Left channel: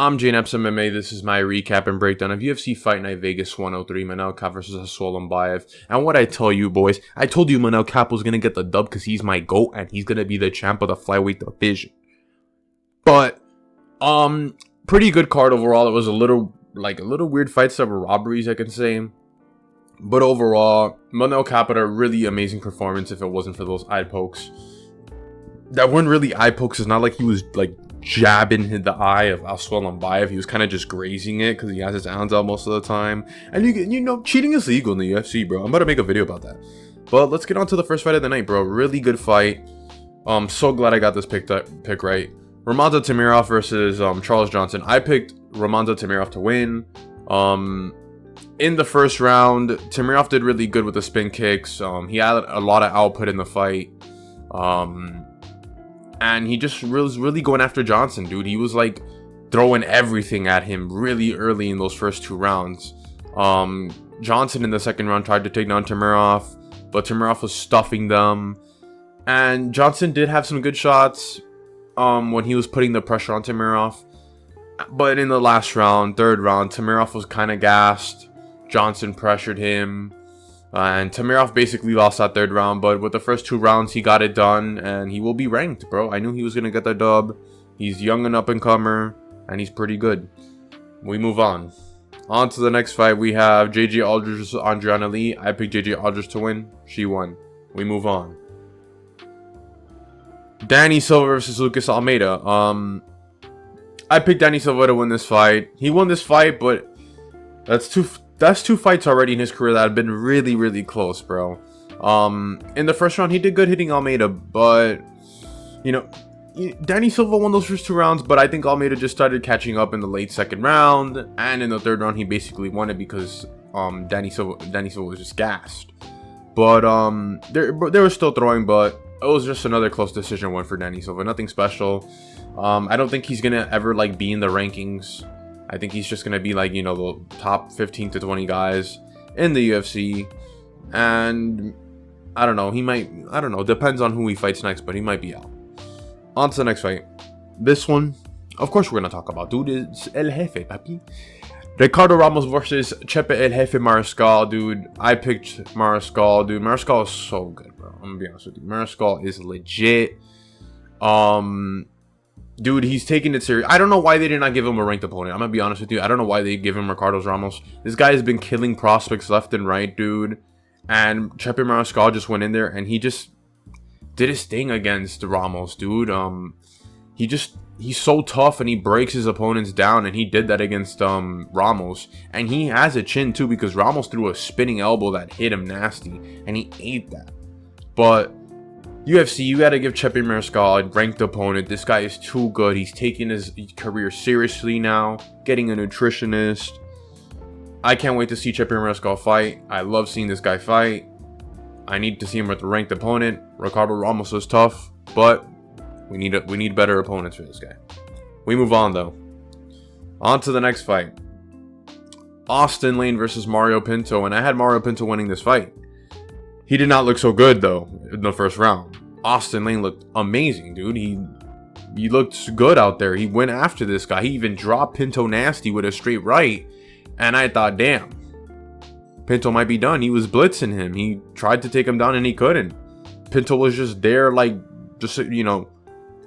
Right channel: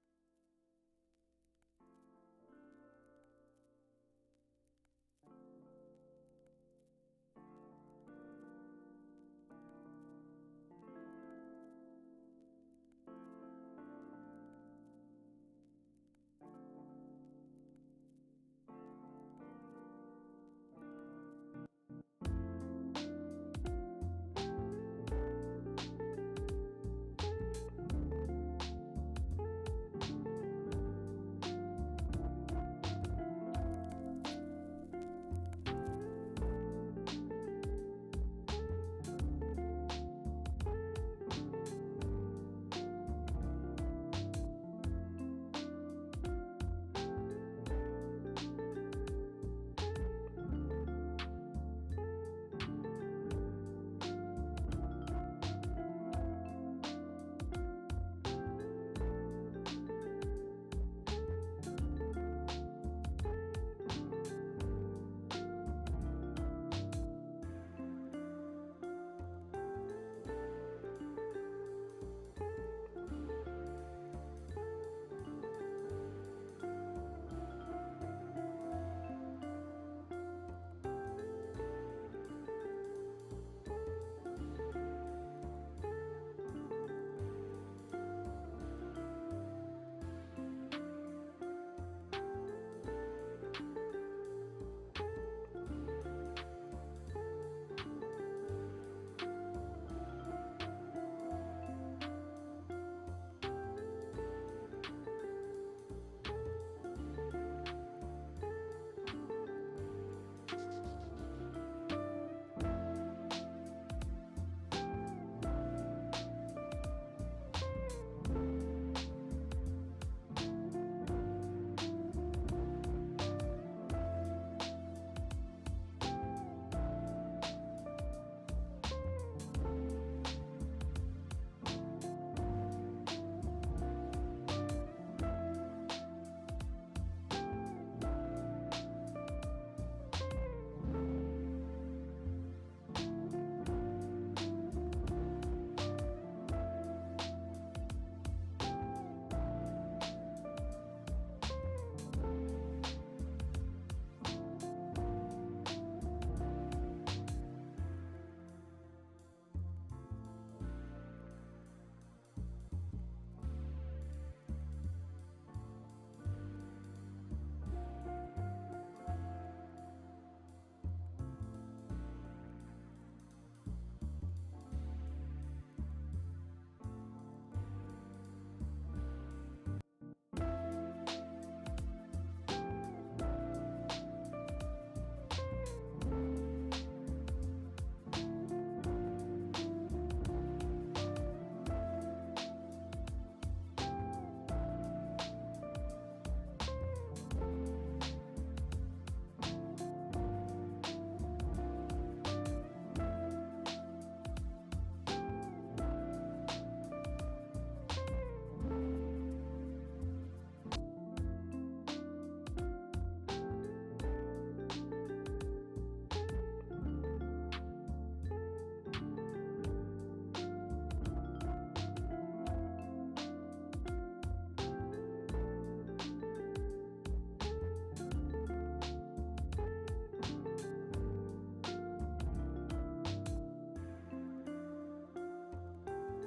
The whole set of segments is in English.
I'm Jane Epsom MMA. This is my recap and breakdown of UFC Fight Night Vegas 103, Manel Kape versus Almabayev. And what I tell you, boys, I told you Manel Kape was going to get the dub because he's my GOAT and he's going to be the champ of the flyweight division. But, pretty good card overall. It was a little weird fights that were robberies, I can say. But overall, Manel Kape had a really amazing performance if it wasn't for those eye pokes. That weren't really eye pokes. It's not like he was, like, jabbing the eye of Almabayev. He was kind of just grazing it because he has his hands out most of the time. And you know, cheating is legal in the UFC, bro. I'm about to make a video about that. But let's get on to the first fight of the night, bro. Really good fight. So glad I got this pick right. Ramazan Temirov versus Charles Johnson. I picked Ramazan Temirov to win. In the first round, Temirov did really good with the spin kicks. He had a lot of output in the fight. And he just was really going after Johnson, dude. He was like throwing everything at him really early in those first two rounds. Johnson in the second round tried to take down Temirov, but Temirov was stuffing them. And Johnson did have some good shots when he was putting the pressure on Temirov. But in the last round, third round, Temirov was kind of gassed. Johnson pressured him. And Temirov basically lost that third round, but with the first two rounds, he got it done, and he will be ranked, bro. I knew he was going to get the dub. He's young and up-and-comer, and he's pretty good. We move on. On to the next fight, we have JJ Aldrich versus Andrea Lee. I picked JJ Aldrich to win. She won. We move on. Danny Silva versus Lucas Almeida. I picked Danny Silva to win this fight. He won this fight, but that's two fights already in his career that have been really, really close, bro. In the first round, he did good hitting Almeida, but, you know, Danny Silva won those first two rounds, but I think Almeida just started catching up in the late second round, and in the third round, he basically won it because Danny Silva was just gassed. But they were still throwing, but it was just another close decision win for Danny Silva. Nothing special. I don't think he's gonna ever like be in the rankings. I think he's just going to be like, you know, the top 15 to 20 guys in the UFC. And I don't know. He might, I don't know. Depends on who he fights next, but he might be out. On to the next fight. This one, of course, we're going to talk about. Dude, it's El Jefe, papi. Ricardo Ramos versus Chepe El Jefe Mariscal, dude. I picked Mariscal, dude. Mariscal is so good, bro. I'm going to be honest with you. Mariscal is legit. Dude, he's taking it serious. I don't know why they did not give him a ranked opponent. I'm gonna be honest with you. I don't know why they give him Ricardo Ramos. This guy has been killing prospects left and right, dude. And Chepe Mariscal just went in there and he just did his thing against Ramos, dude. He's so tough and he breaks his opponents down, and he did that against Ramos. And he has a chin too, because Ramos threw a spinning elbow that hit him nasty, and he ate that. But UFC, you got to give Chepe Mariscal a ranked opponent. This guy is too good. He's taking his career seriously now, getting a nutritionist. I can't wait to see Chepe Mariscal fight. I love seeing this guy fight. I need to see him with a ranked opponent. Ricardo Ramos is tough, but we need better opponents for this guy. We move on, though. On to the next fight. Austen Lane versus Mario Pinto, and I had Mario Pinto winning this fight. He did not look so good, though, in the first round. Austen Lane looked amazing, dude. He looked good out there. He went after this guy. He even dropped Pinto nasty with a straight right. And I thought, damn, Pinto might be done. He was blitzing him. He tried to take him down and he couldn't. Pinto was just there, like, just, you know,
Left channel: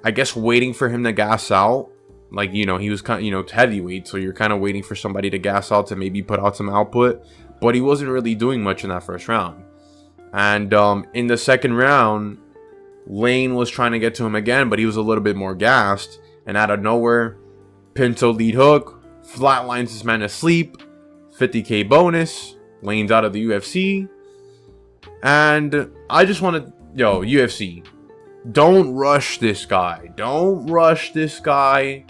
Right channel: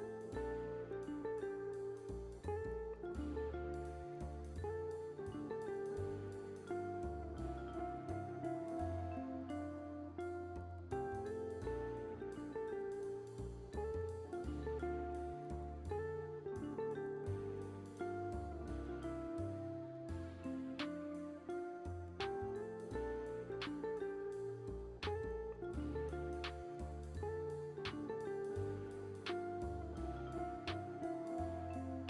I guess waiting for him to gas out. Like, you know, he was kind of, you know, heavyweight, so you're kind of waiting for somebody to gas out to maybe put out some output. But he wasn't really doing much in that first round. And in the second round, Lane was trying to get to him again, but he was a little bit more gassed. And out of nowhere, Pinto lead hook, flatlines this man to sleep, 50K bonus, Lane's out of the UFC. And I just want to, yo, UFC, don't rush this guy. Don't rush this guy.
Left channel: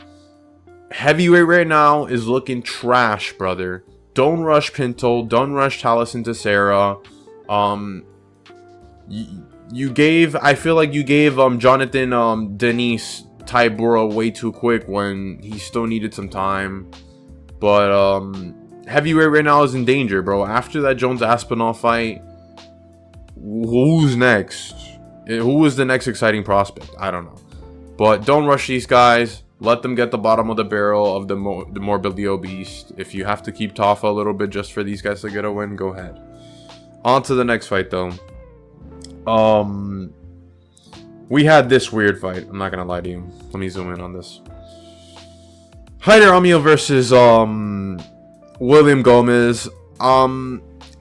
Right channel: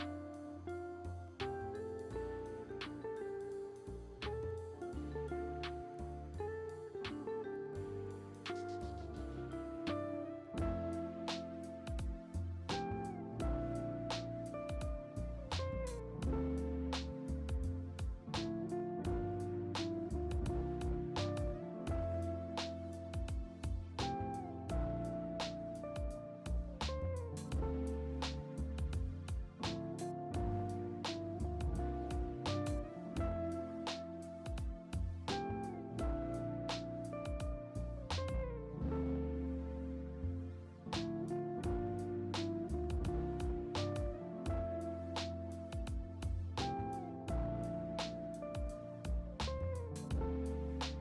Heavyweight right now is looking trash, brother. Don't rush Pinto. Don't rush Taliesin Teixeira. I feel like you gave Jonathan Denise Tybura way too quick when he still needed some time. But heavyweight right now is in danger, bro. After that Jones Aspinall fight, who's next? Who is the next exciting prospect? I don't know. But don't rush these guys. Let them get the bottom of the barrel of the morbidly obese. If you have to keep Tafa a little bit just for these guys to get a win, go ahead. On to the next fight, though. We had this weird fight. I'm not gonna lie to you. Let me zoom in on this. Hyder Amil versus William Gomis.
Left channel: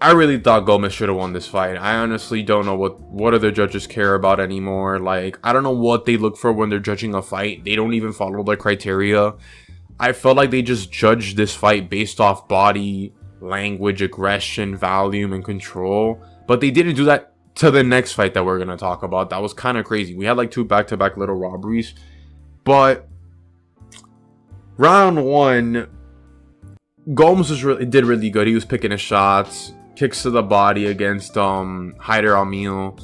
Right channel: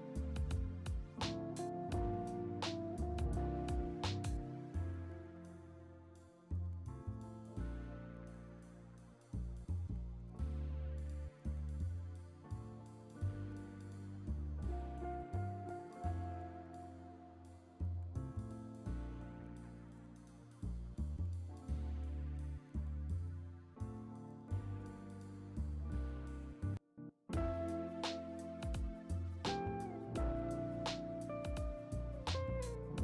I really thought Gomis should have won this fight. I honestly don't know what other judges care about anymore. Like, I don't know what they look for when they're judging a fight. They don't even follow the criteria. I felt like they just judged this fight based off body language, aggression, volume, and control. But they didn't do that to the next fight that we're gonna talk about. That was kind of crazy. We had like 2 back-to-back little robberies. But round 1, Gomes did really good. He was picking his shots. Kicks to the body against Hyder Amil,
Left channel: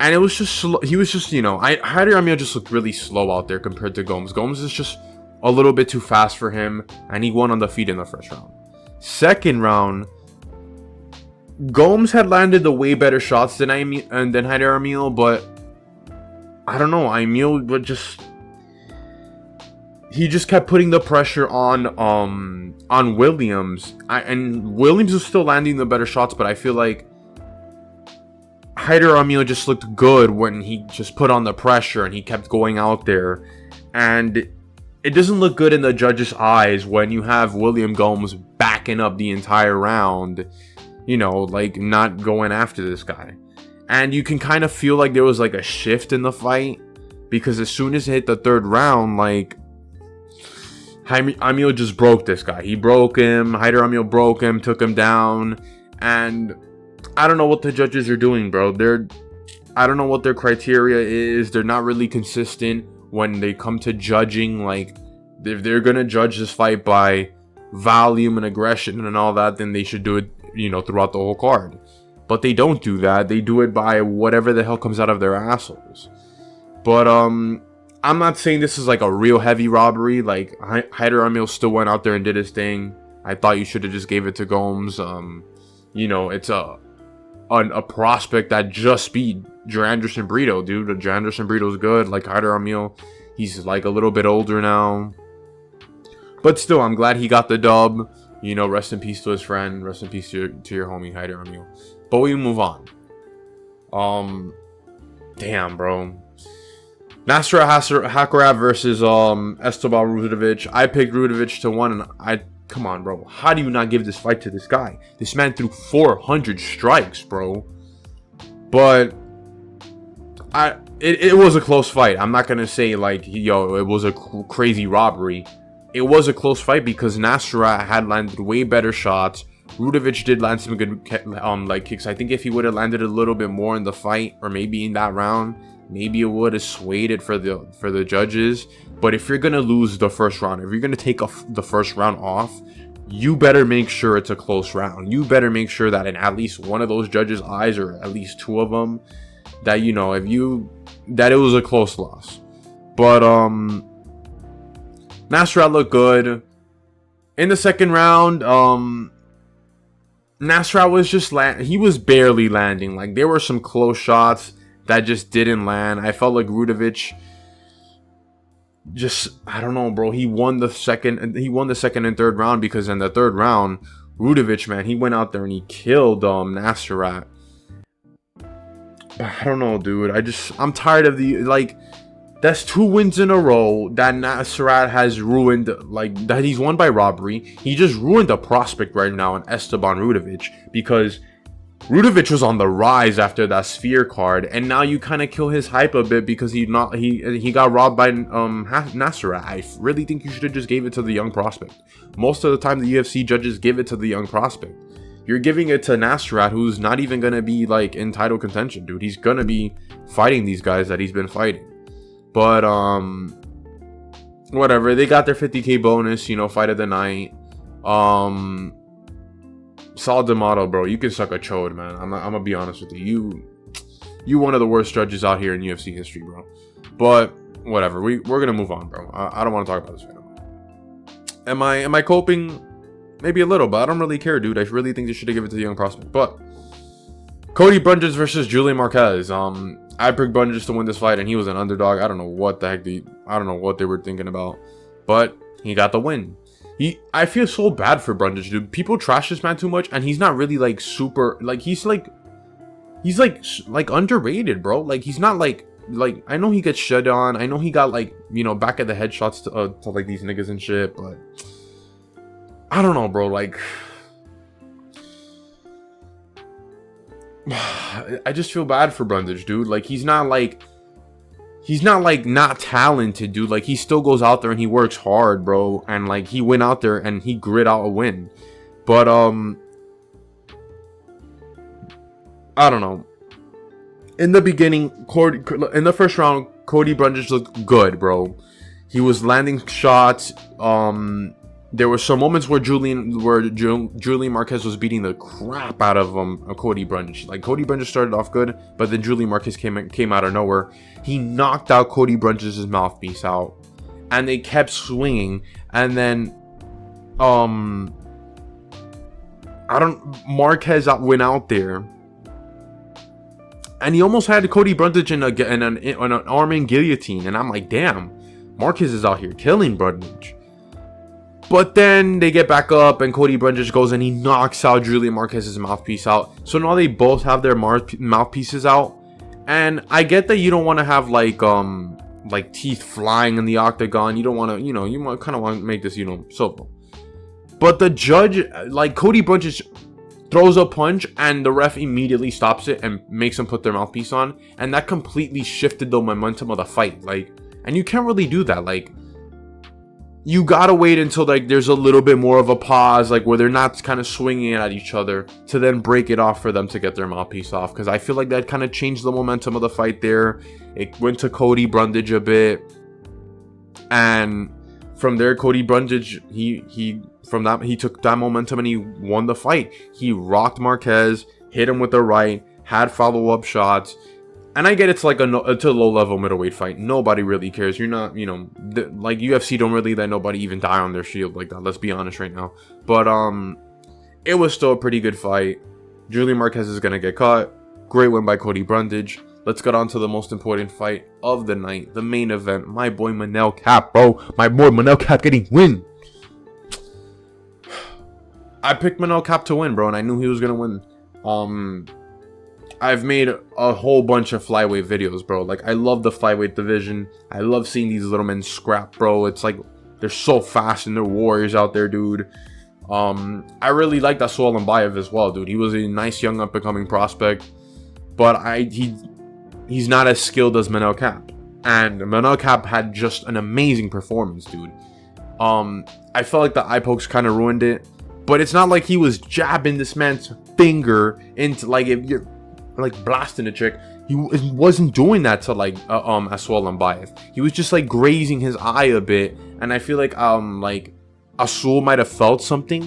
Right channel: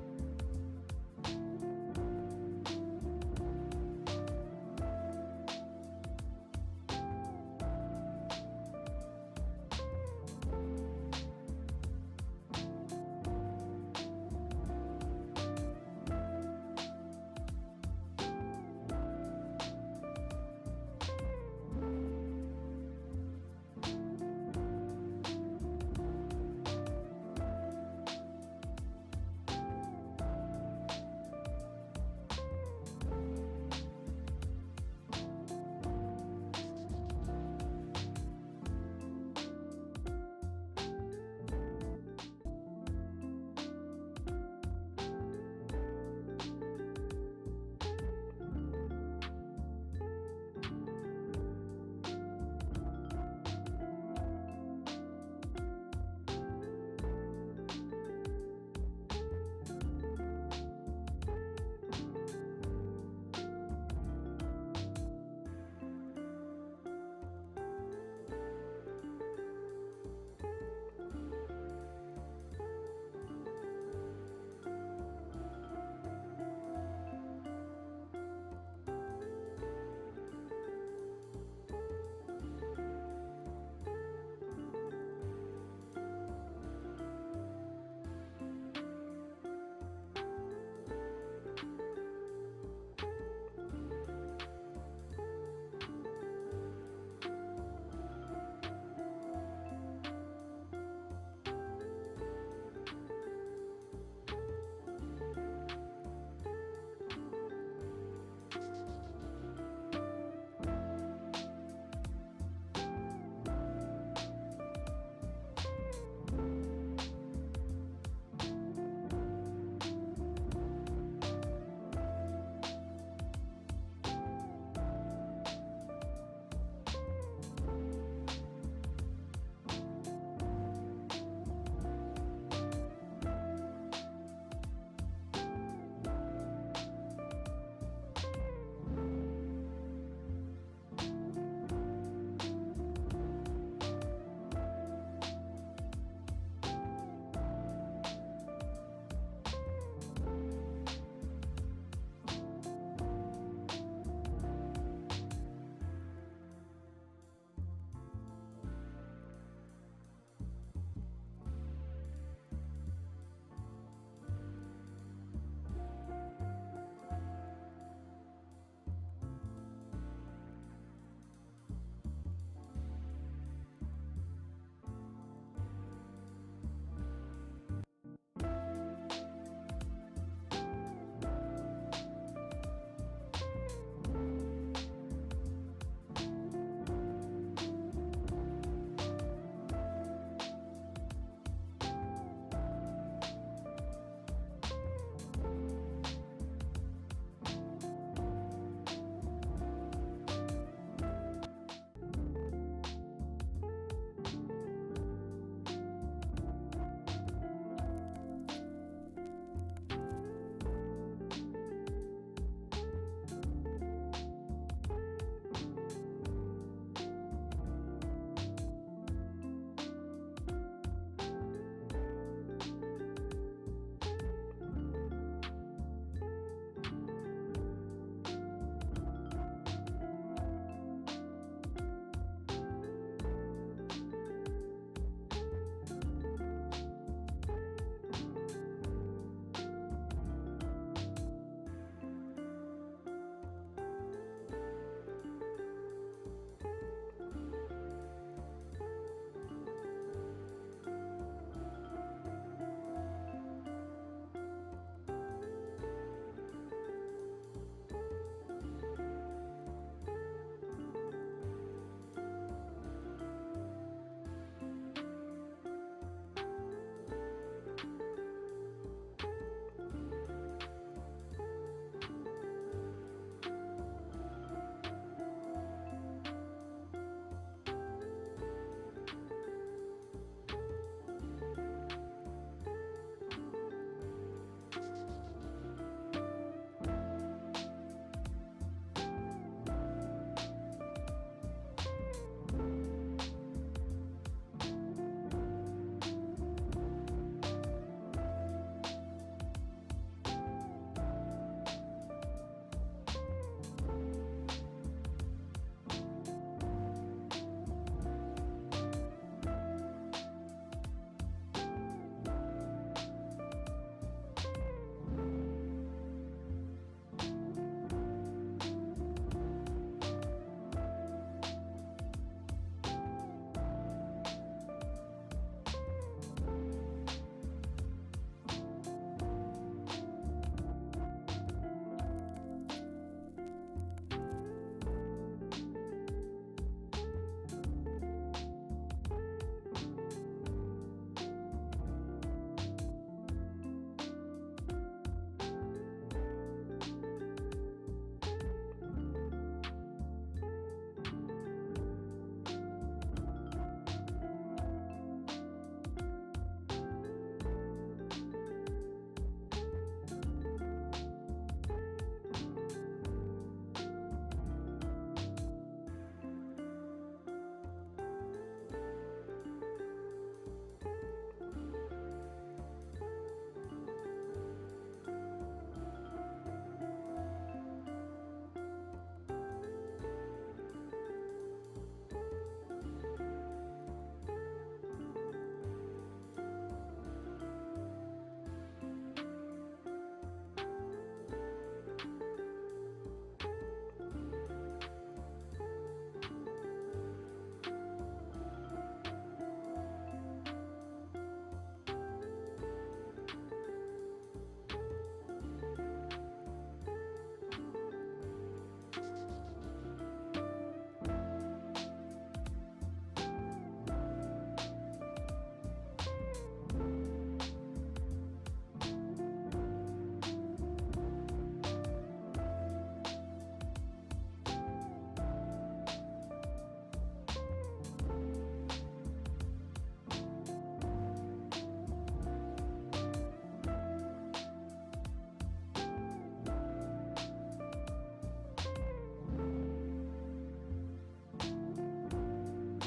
and it was just slow. He was just, you know, Hyder Amil just looked really slow out there compared to Gomes. Gomes is just a little bit too fast for him, and he won on the feet in the first round. Second round, Gomes had landed the way better shots than Hyder Amil, but I don't know. Amil would just, he just kept putting the pressure on Williams, and Williams was still landing the better shots, but I feel like Hyder Amil just looked good when he just put on the pressure and he kept going out there. And it doesn't look good in the judges' eyes when you have William Gomes backing up the entire round, you know, like not going after this guy. And you can kind of feel like there was like a shift in the fight, because as soon as it hit the third round, like, Amil just broke this guy. He broke him. Hyder Amil broke him, took him down. And I don't know what the judges are doing, bro. I don't know what their criteria is. They're not really consistent when they come to judging. Like, if they're going to judge this fight by volume and aggression and all that, then they should do it, you know, throughout the whole card. But they don't do that. They do it by whatever the hell comes out of their assholes. But, I'm not saying this is like a real heavy robbery. Like, Hyder Amil still went out there and did his thing. I thought you should have just gave it to Gomes. You know, it's a prospect that just beat Janderson Brito, dude. Janderson Brito's good. Like, Hyder Amil, he's like a little bit older now. But still, I'm glad he got the dub. You know, rest in peace to his friend. Rest in peace to your homie, Hyder Amil. But we move on. Damn, bro. Nasrat Haqparast versus Esteban Rudovic. I picked Rudovic to win, and come on, bro. How do you not give this fight to this guy? This man threw 400 strikes, bro. But it was a close fight. I'm not gonna say like, yo, it was a crazy robbery. It was a close fight because Nasrat had landed way better shots. Rudovic did land some good like kicks. I think if he would have landed a little bit more in the fight, or maybe in that round, maybe it would have swayed it for the judges. But if you're gonna lose the first round, if you're gonna take the first round off, you better make sure it's a close round. You better make sure that in at least one of those judges' eyes, or at least 2 of them, that, you know, that it was a close loss. But Nasrat looked good in the second round. Nasrat was just he was barely landing. Like, there were some close shots that just didn't land. I felt like Rudovic just, I don't know, bro. He won the second and third round, because in the third round, Rudovic, man, he went out there and he killed Nasrat. I don't know, dude. I'm tired of that's 2 wins in a row that Nasrat has ruined, like, that he's won by robbery. He just ruined the prospect right now in Esteban Rudovic, because Rudovic was on the rise after that Sphere card, and now you kind of kill his hype a bit because he got robbed by Nasrat. I really think you should have just gave it to the young prospect. Most of the time, the UFC judges give it to the young prospect. You're giving it to Nasrat, who's not even gonna be like in title contention, dude. He's gonna be fighting these guys that he's been fighting. But whatever. They got their 50K bonus, you know, fight of the night. Saul D'Amato, bro, you can suck a chode, man. I'm gonna be honest with you. You one of the worst judges out here in UFC history, bro. But whatever. We're gonna move on, bro. I don't want to talk about this right now. Am I coping? Maybe a little, but I don't really care, dude. I really think they should have given it to the young prospect. But Cody Brundage versus Julian Marquez. I picked Brundage to win this fight, and he was an underdog. I don't know what the heck I don't know what they were thinking about, but he got the win. I feel so bad for Brundage, dude. People trash this man too much, and he's not really like super, like he's like underrated, bro. Like he's not like I know he gets shut on. I know he got like, you know, back at the headshots to like these niggas and shit, but I don't know, bro. Like I just feel bad for Brundage, dude. Like he's not like not talented, dude. Like he still goes out there and he works hard, bro. And like he went out there and he grit out a win. But I don't know. In the beginning, in the first round, Cody Brundage looked good, bro. He was landing shots. There were some moments where Julian Marquez was beating the crap out of Cody Brundage. Like Cody Brundage started off good, but then Julian Marquez came out of nowhere. He knocked out Cody Brundage's mouthpiece out, and they kept swinging. And then, Marquez went out there, and he almost had Cody Brundage in an arm guillotine. And I'm like, damn, Marquez is out here killing Brundage. But then they get back up, and Cody Brundage goes and he knocks out Julian Marquez's mouthpiece out. So now they both have their mouthpieces out. And I get that you don't want to have like teeth flying in the octagon. You don't want to, you know, you kind of want to make this, you know, so. But the judge, like Cody Brundage throws a punch and the ref immediately stops it and makes them put their mouthpiece on. And that completely shifted the momentum of the fight. Like, and you can't really do that. Like, you gotta wait until like there's a little bit more of a pause, like where they're not kind of swinging at each other, to then break it off for them to get their mouthpiece off. Because I feel like that kind of changed the momentum of the fight there. It went to Cody Brundage a bit, and from there Cody Brundage he took that momentum and he won the fight. He rocked Marquez, hit him with the right, had follow-up shots. And I get it's like it's a low-level middleweight fight. Nobody really cares. You're not, you know, like UFC don't really let nobody even die on their shield like that. Let's be honest right now. But it was still a pretty good fight. Julian Marquez is gonna get caught. Great win by Cody Brundage. Let's get on to the most important fight of the night, the main event. My boy Manel Kape, bro. My boy Manel Kape getting win. I picked Manel Kape to win, bro, and I knew he was gonna win. I've made a whole bunch of flyweight videos, bro. Like, I love the flyweight division. I love seeing these little men scrap, bro. It's like, they're so fast and they're warriors out there, dude. I really like that Almabayev as well, dude. He was a nice young up-and-coming prospect. But he's not as skilled as Manel Kape. And Manel Kape had just an amazing performance, dude. I felt like the eye pokes kind of ruined it. But it's not like he was jabbing this man's finger into, like, if you're like blasting a chick. He wasn't doing that to like Almabayev. He was just like grazing his eye a bit, and I feel like Asul might have felt something,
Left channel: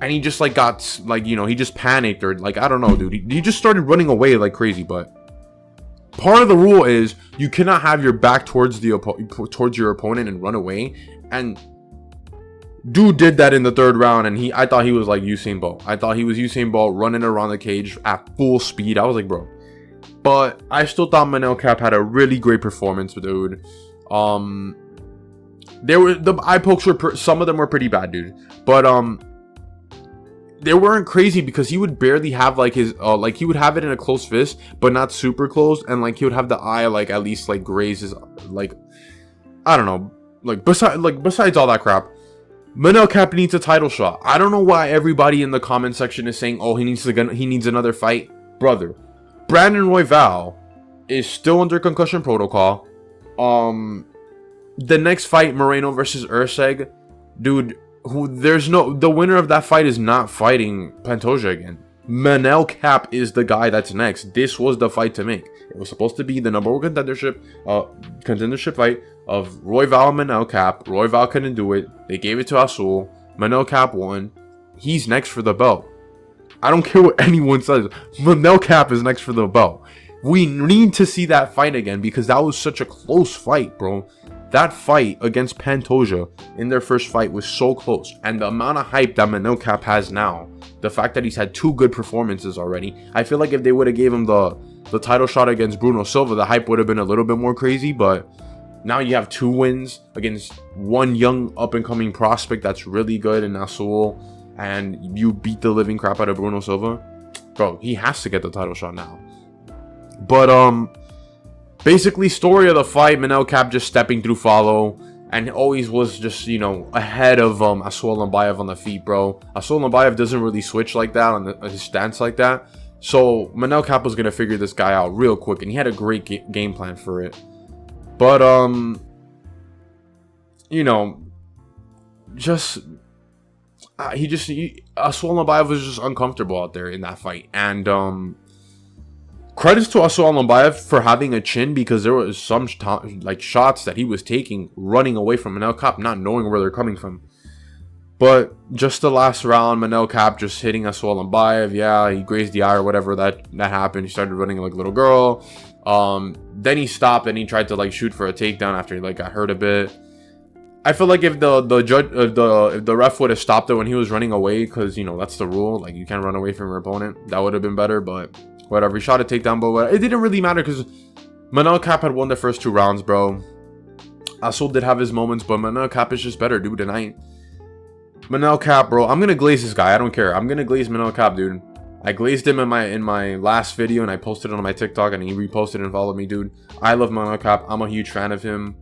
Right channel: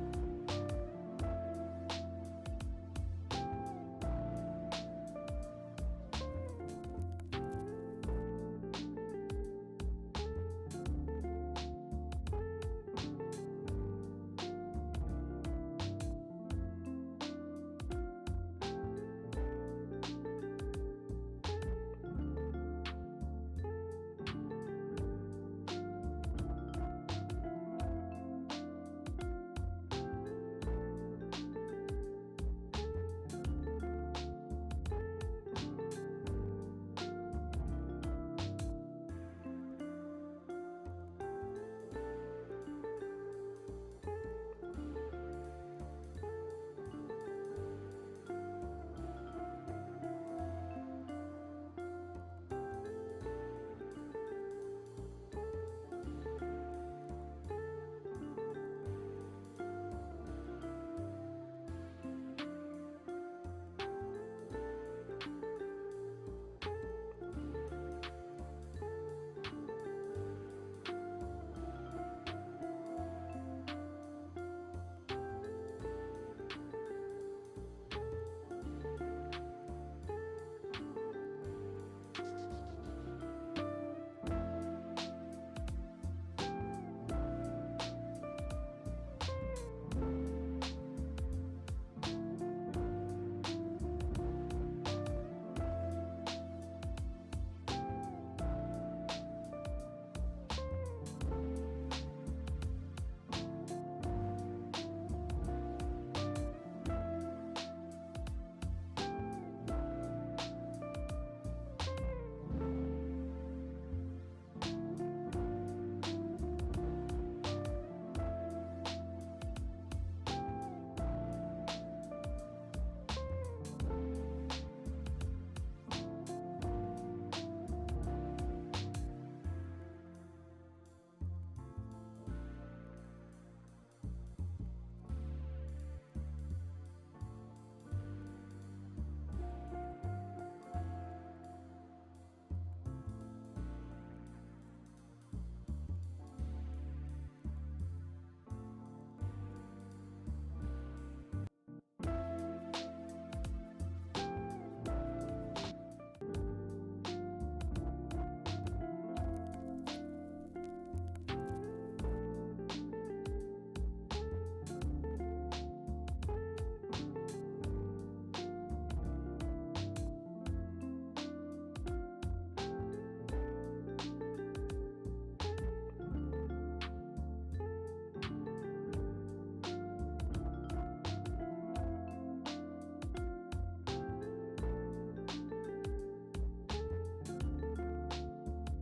and he just like got like, you know, he just panicked, or like, I don't know, dude. He just started running away like crazy. But part of the rule is you cannot have your back towards your opponent and run away. And dude did that in the third round, and I thought he was like Usain Bolt. I thought he was Usain Bolt running around the cage at full speed. I was like, bro. But I still thought Manel Kape had a really great performance, dude. There were the eye pokes were some of them were pretty bad, dude. But they weren't crazy because he would barely have like his like he would have it in a close fist, but not super close, and like he would have the eye like at least like graze his, like, I don't know, like besides all that crap. Manel Kape needs a title shot. I don't know why everybody in the comment section is saying, oh, he needs another fight. Brother, Brandon Royval is still under concussion protocol. The next fight, Moreno versus Urseg, dude, the winner of that fight is not fighting Pantoja again. Manel Kape is the guy that's next. This was the fight to make. It was supposed to be the number one contendership fight of Royval and Manel Kape. Royval couldn't do it. They gave it to Asul. Manel Kape won. He's next for the belt. I don't care what anyone says. Manel Kape is next for the belt. We need to see that fight again because that was such a close fight, bro. That fight against Pantoja in their first fight was so close. And the amount of hype that Manel Kape has now, the fact that he's had 2 good performances already, I feel like if they would have gave him the the title shot against Bruno Silva, the hype would have been a little bit more crazy, but now you have 2 wins against one young up-and-coming prospect that's really good in Nasrat, and you beat the living crap out of Bruno Silva. Bro, he has to get the title shot now. But, basically, story of the fight, Manel Kape just stepping through follow, and always was just, you know, ahead of Almabayev on the feet, bro. Almabayev doesn't really switch like that on his stance like that. So, Manel Kape was going to figure this guy out real quick, and he had a great game plan for it. But, you know, just, Almabayev was just uncomfortable out there in that fight. And, credits to Almabayev for having a chin, because there was some, like, shots that he was taking, running away from Manel Kape, not knowing where they're coming from. But just the last round, Manel Kape just hitting Almabayev. Yeah, he grazed the eye or whatever that happened. He started running like a little girl. Then he stopped and he tried to like shoot for a takedown after he like got hurt a bit. I feel like if the ref would have stopped it when he was running away, because you know that's the rule, like you can't run away from your opponent, that would have been better. But whatever, he shot a takedown, but it didn't really matter because Manel Kape had won the first 2 rounds, bro. Asul did have his moments, but Manel Kape is just better, dude. Tonight, Manel Kape, bro, I'm gonna glaze this guy. I don't care. I'm gonna glaze Manel Kape, dude. I glazed him in my last video, and I posted it on my TikTok, and he reposted and followed me, dude. I love Manel Kape. I'm a huge fan of him.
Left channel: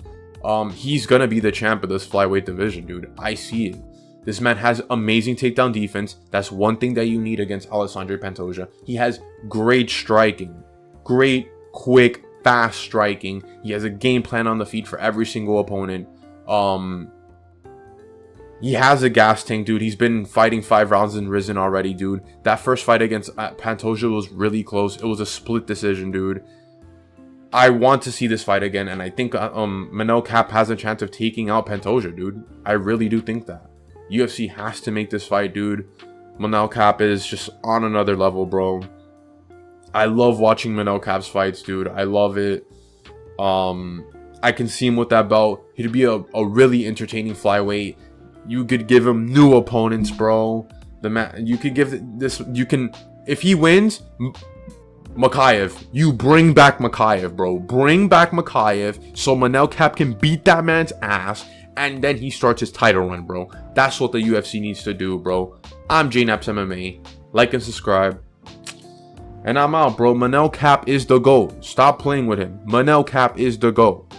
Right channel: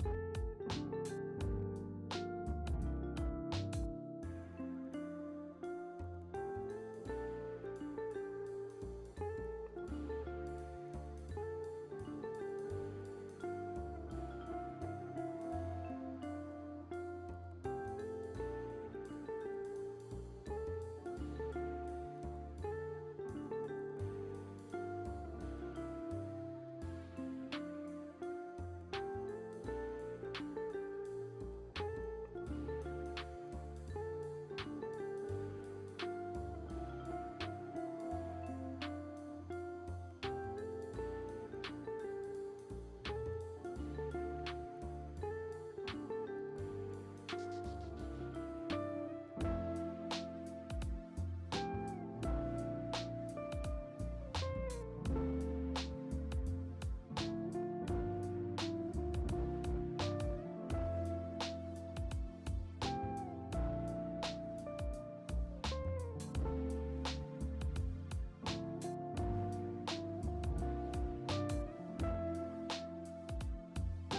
He's gonna be the champ of this flyweight division, dude. I see it. This man has amazing takedown defense. That's one thing that you need against Alessandro Pantoja. He has great striking, great, quick, fast striking. He has a game plan on the feet for every single opponent. He has a gas tank, dude. He's been fighting 5 rounds and risen already, dude. That first fight against Pantoja was really close. It was a split decision, dude. I want to see this fight again, and I think Manel Kape has a chance of taking out Pantoja, dude. I really do think that. UFC has to make this fight, dude. Manel Kape is just on another level, bro. I love watching Manel Kape's fights, dude. I love it. I can see him with that belt. He'd be a really entertaining flyweight. You could give him new opponents, bro. You could give this. You can, if he wins, Makayev. You bring back Makayev, bro. Bring back Makayev so Manel Kape can beat that man's ass, and then he starts his title run, bro. That's what the UFC needs to do, bro. I'm JNaps MMA. Like and subscribe. And I'm out, bro. Manel Kape is the GOAT. Stop playing with him. Manel Kape is the GOAT.